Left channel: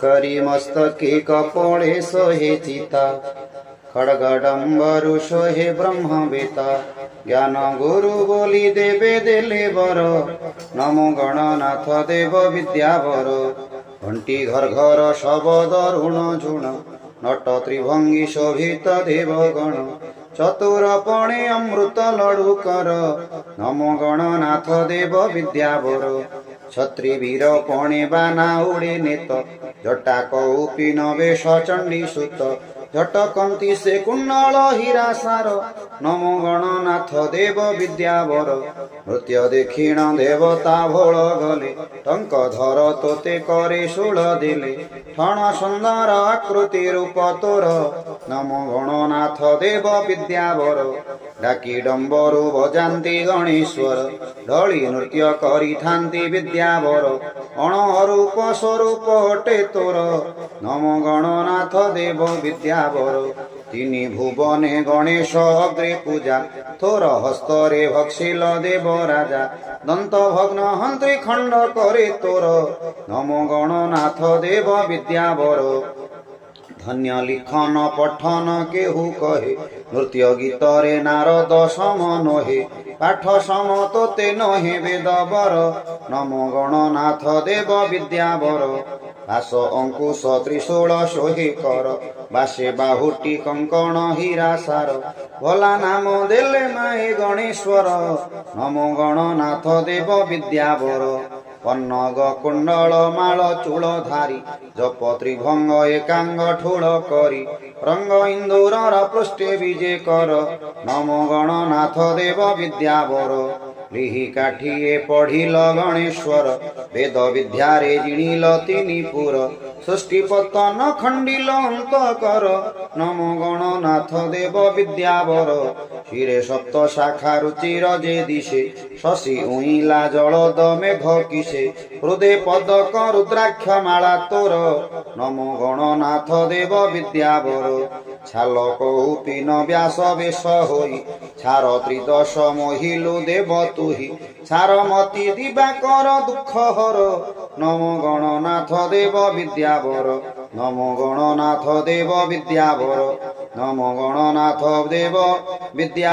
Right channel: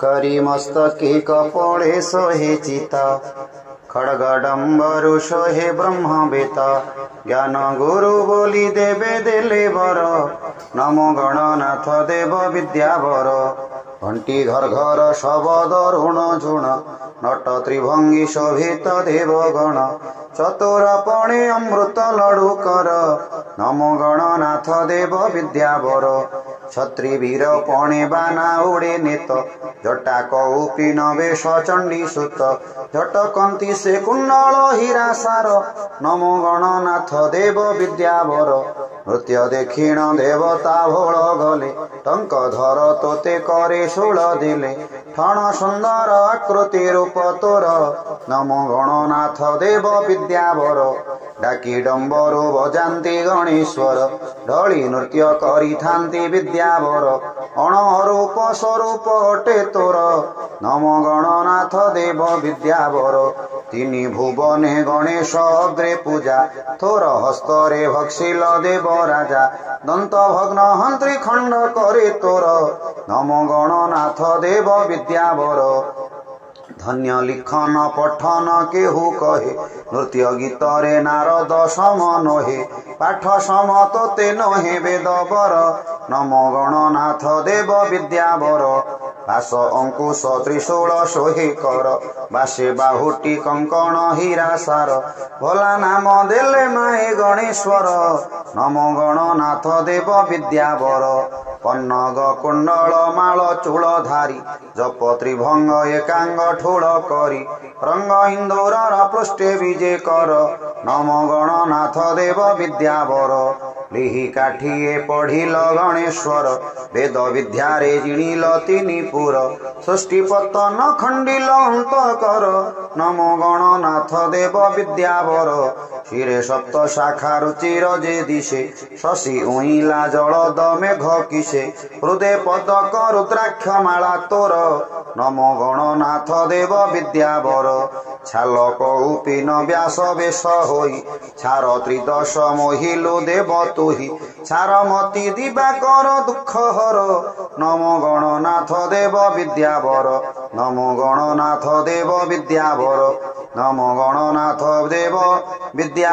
करी मस्तके कपोळे सोहे चिता खड्गडम्बरु सोहे ब्रह्मवेता ज्ञान गुरु बोली देवे देले बर नमो गणनाथ देव विद्यावर घंटी घर घर शबद ऋण झुण नट त्रिभंगी शोभित देवगण चतुरपणे अमृत लडू कर नमो गणनाथ देव विद्यावर छत्री वीर पणे बाना उड़े नेत जटा कौपी नवेश चंडी सुत झटकंती से कुंडल हीरा सार नमो गणनाथ देव विद्यावर नृत्य देखिण देवता भोल गले टंक धर तोते करे शूल दिले ठण सुंदर आकृति रूप तोर नमो गणनाथ देव विद्यावर डाकी डंबरू बजाती गणेश्वर ढली नृत्य करी थांती विद्यावर अणरूप स्वरूप अटे तोर नमो गणनाथ देव विद्यावर तिनी भुवने गणेश अग्रे पूजा थोर हस्तरे भक्षिल देव राजा दंत भग्न हंत्री खंड करे तोर नमो गणनाथ देव विद्यावर धन्य लिखन पठन केहू कहे नृत्य गीतरे नारद सम नहे पाठ सम तोते नहे वेदवर नमो गणनाथ देव विद्यावर पाश अंकुश त्रिशूल सोहे कर बासे बाहुटी कंकण हीरा सार भला नाम देले माए गणेश्वर नमो गणनाथ देव विद्यावर पन्नग कुंडल माल चूल धारी जप त्रिभंग एकांग ठोल करी रंग इंदूर पृष्ठे विजे कर नमो गणनाथ देव विद्यावर लिहि काठिए पढ़िल गणेश्वर वेद विद्यारे जिणिल तिनिपुर सृष्टि पतन खंडिल अंत कर नमो गणनाथ देव विद्यावर शिरे सप्त शाखा रुचिर जे दिशे शशि उइला जलद मेघ किसे हृदय पदक रुद्राक्ष माला तोर नमो गणनाथ देव विद्यावर छाल कौपीन व्यास वेश होई छार त्रिदश मोहिलु देव तुहि छार मति दिवाकर दुख हर नमो गणनाथ देव विद्यावर नमो गणनाथ देव विद्यावर नमो गणनाथ देव विद्यावर।